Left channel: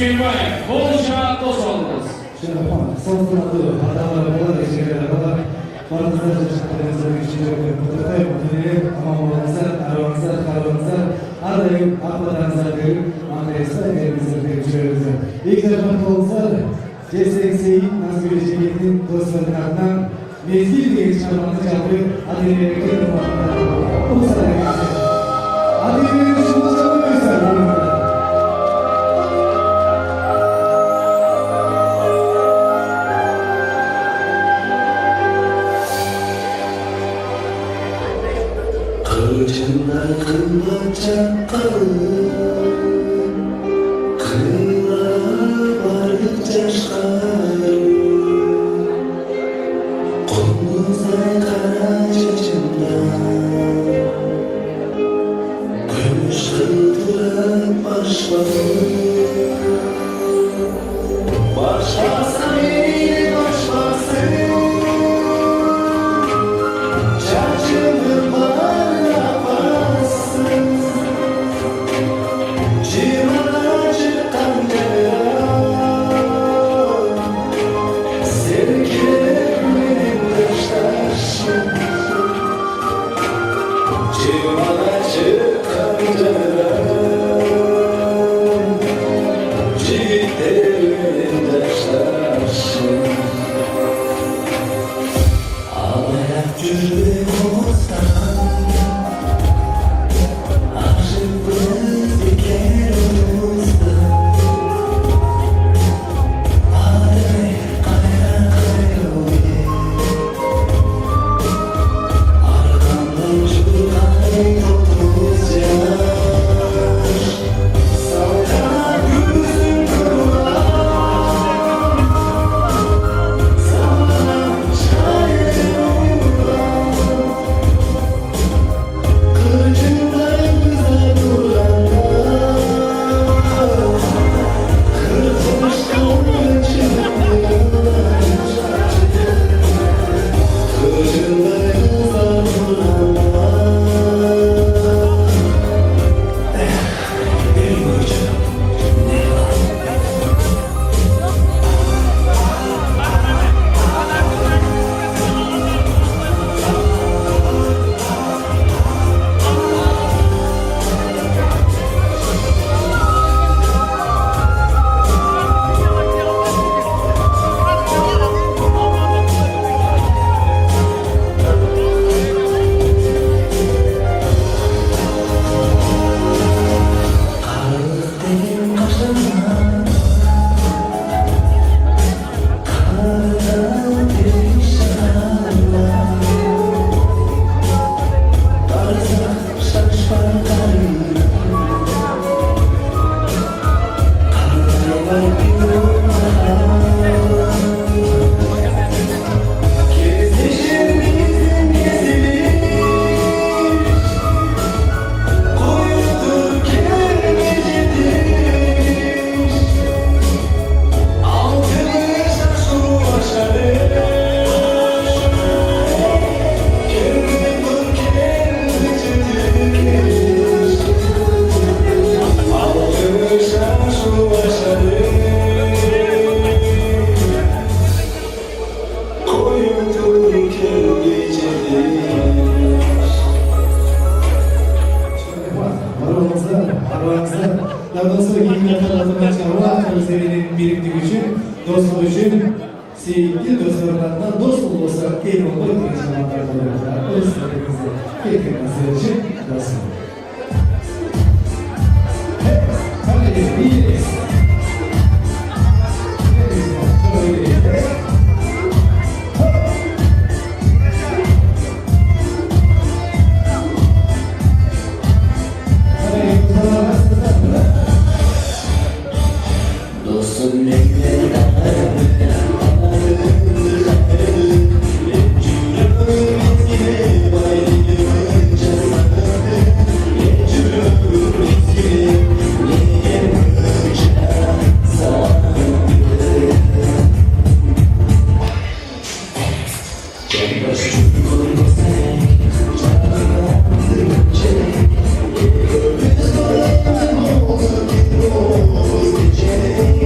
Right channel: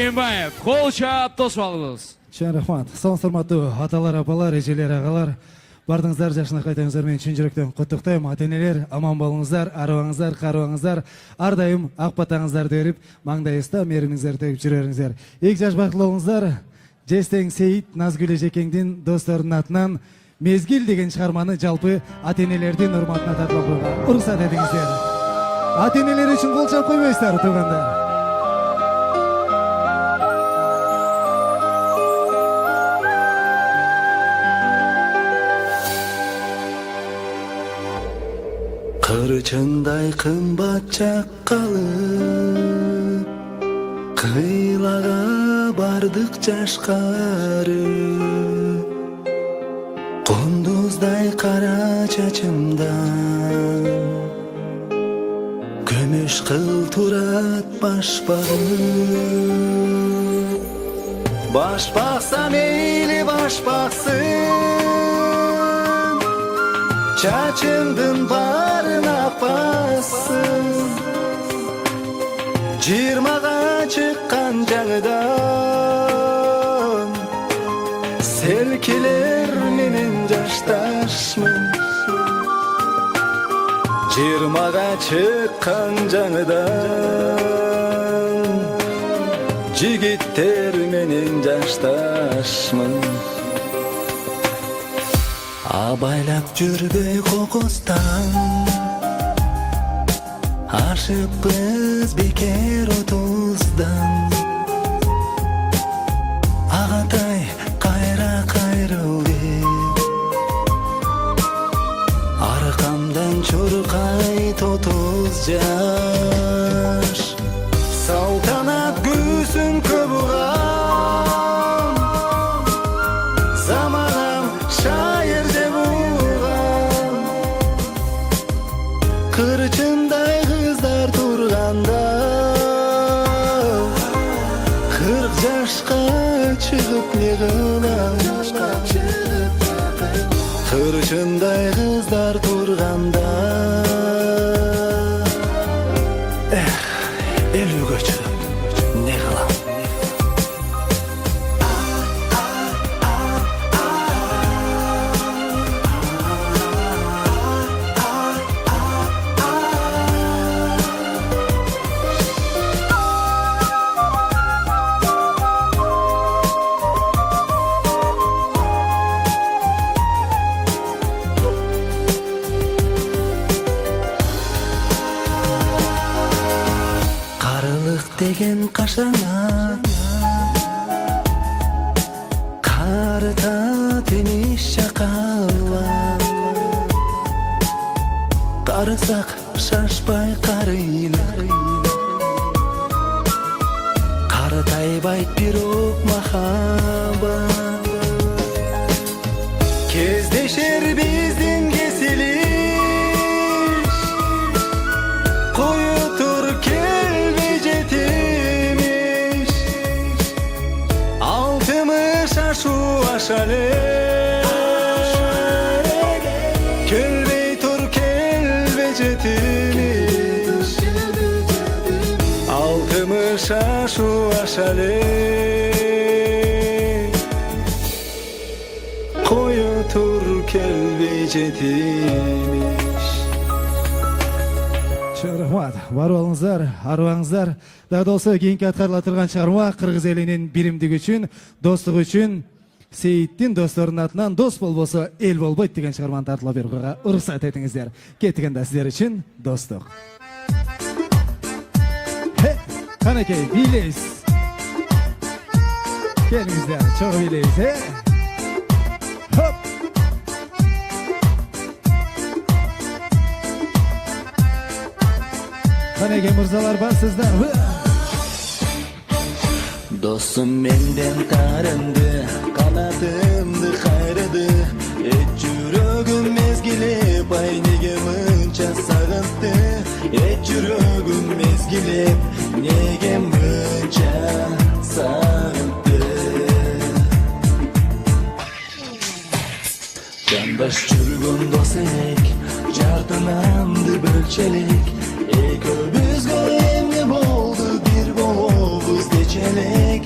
Suyunbayev, boluşa dost oldunuz. Şerefan, sağ hurmatlı atalar, abalar, eceler, ağalar, barınızlar, yaşanak edemizlerden üçüncülükten tutuktayım. Ateneler, aman bolunuzlar, arabanızlar, karavunuzlar, ardayım, akbatanızlar deyip, mandayızda erimizler deyip jürerimizler. İlk yaşmak bolunuzlar, Jestek Seyit, Nazgülü Ceket'in dostlarının ardından Mezgil degen çıkarmanın jalpı Atenelerden hurmatına tarafından. Olsa denizler. Ateneler için bul çatmıyorlar bu günler. Kırçında kımbat çakalı, kıyılara bardıkça şkarı, kunduzday kara çeçimden, gümüş kılturak başbağı. Başbaksam eyle başbaksın, çarçımdır barına bassın, çırmana çıkan cevdan, sevgiler benim taştaşım. Çırmana çıkan cevdan, çiğitler benim taştaşım. Abaylap жүрді Оғыздан, ашықпыз бекер ұлымыздан. Атай қайра қайрылды, арқамдан жұрқай тотыз жаш. Салтанат көзім көп ұлан, заман шайыр ұлан. Kırçınday kızlar durganda, kırçışka çıkmıyorlar. Kırçınday kızlar durganda, elim kırçın, ne kılam? Karılık degen kaşana, karda deniz şakarlar. Karısak şaşpay karıyla, karday bay bir mahabat. Kezdeşir bizim kesiliş, koyutur kelmece demiş. Altını şaşı aşarı, kellitur kelmece demiş. Altını şaşı aşarı, koyutur kelmece demiş. Şerefan, varolunuzlar, arvanızlar, daha doğrusu ilk hatırlatılan çarva güzelinin birimlik için, dostluk için, Seyit'in dostlarının adına dost olsa el olmak diye çarvanlar oluyorlar. Onu sahnetinizde getirmez sizler için dostum. Hep, kana gelin, biliriz. Gel güzel, çok öyleyiz. Hep. Hop. Kana gelin, bu zaman var sizler, buyurun. Dostum menden darımdı, kanadımdı, hayrımdı. Et yüreğim mezgile, baydı yılınca sarıldı. Et yüreğim mezgile, negen gınca sarıldı. Yandaş çürgün dostek, çarpınamdı ölçek. Ekö biz gülümde oldu bir boz içerek.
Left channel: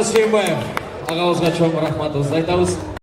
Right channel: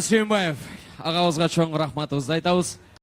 Suyunbayev. Ağamızga çok rahmatımızı aytamiz.